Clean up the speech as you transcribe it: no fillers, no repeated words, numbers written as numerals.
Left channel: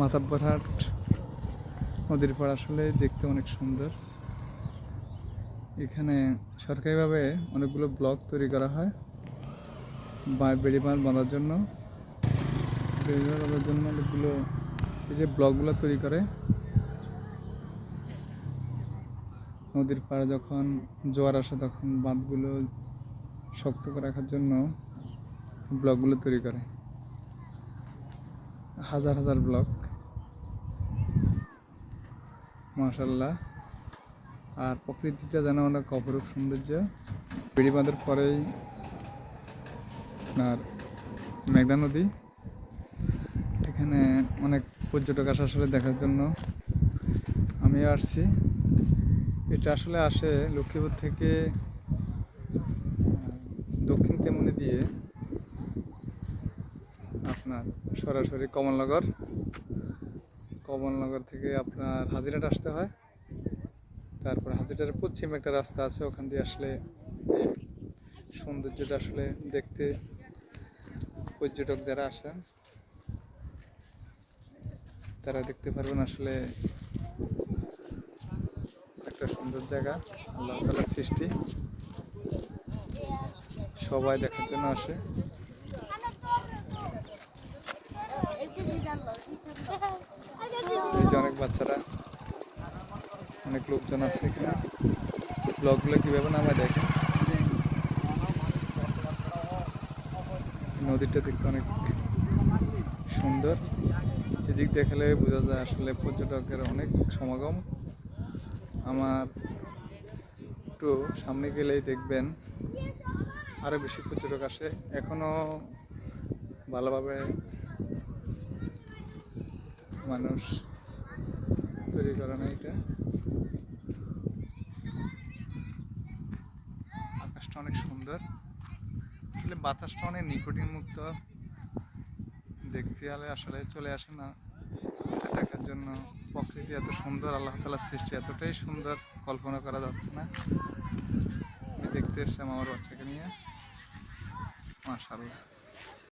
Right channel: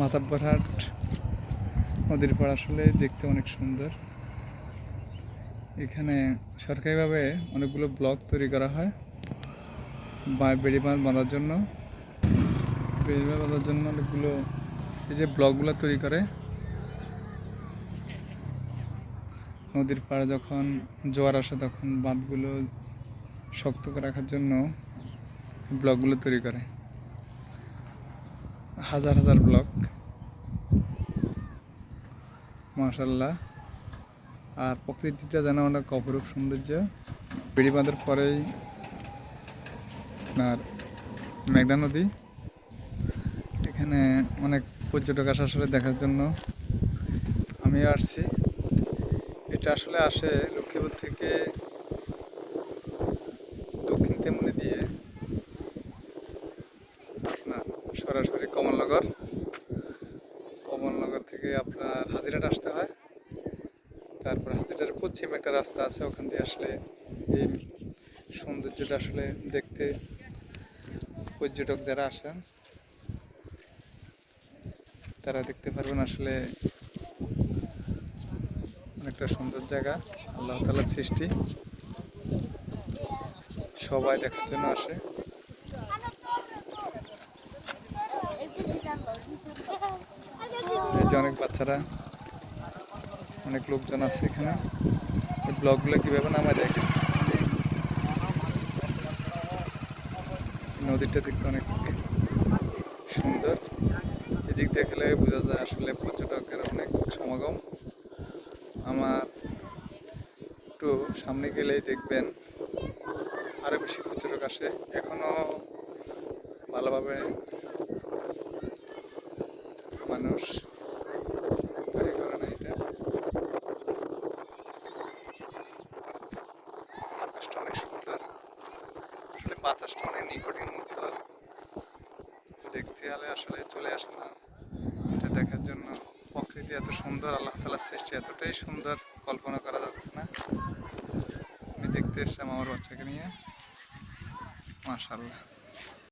মাতাব্বরহাট নদীর পাড় আসলে দেখতে অনেক সুন্দর। এখানে সরকারিভাবে অনেকগুলো ব্লক তৈরি করা হয় বেড়িবাঁধ বাঁধার জন্য। বেড়িবাঁধ বাঁধার জন্য অনেকগুলো এই যে ব্লকগুলো তৈরি করে, নদীর পাড়ে যখন জোয়ার আসে তখন বাঁধগুলো শক্ত করে রাখার জন্য ব্লকগুলো তৈরি করে, হাজার হাজার ব্লক। মাশাআল্লাহ। আর প্রকৃতিটা যেন অনেক অপরূপ সৌন্দর্য। বেড়িবাঁধের পরেই আপনার মেঘনা নদী। এখানে অনেক পর্যটক আসে আসলে দেখার জন্য। আমিও আসছি। এটা আসলে আসে লক্ষ্মীপুর থেকে দক্ষিণ তেমনি দিয়ে আপনার সরাসরি কমলনগর থেকে আপনার হাজিরহাট আসতে হয়। তারপর হাজিরহাটের পশ্চিম একটা রাস্তা আছে, ওখান দিয়ে আসলে এই সৌন্দর্যটা আসলে দেখতে পর্যটক যারা আসেন তারা দেখতে পারবেন। আসলে অনেকটা সুন্দর জায়গা, আল্লাহ তাআলার সৃষ্টি, সবাই দেখার জন্য আসে। এই যে অনেক বাচ্চারা, অনেক লোকজন আছে এখানে। এই ব্লগগুলো কীভাবে নামায় দেখেন। নদীটা দেখতে অনেক সুন্দর। এদিক দেখলে বোঝা যায় আসলে পর্যটকের অনেক সমাগম। আমার একটু সামনে গেলেই দেখবেন আরও বেশি পর্যটক আসে। এখনও ভালোভাবে মানুষ তৈরি করে না এটা। আকাশটা অনেক সুন্দর, আসলে বাতাসটা অনেক নিকটিন মুক্ত। দেখতে হলে আসলে চলে আসে না এটা দেখার জন্য। প্রকৃতি এত সুন্দর, আল্লাহ তাআলার সৃষ্টি এতটাই সুন্দর, কল্পনা করা যাচ্ছে না। আমি দেখতে এসেছিলাম আমার বাচ্চাকে নিয়ে। মাশাআল্লাহ।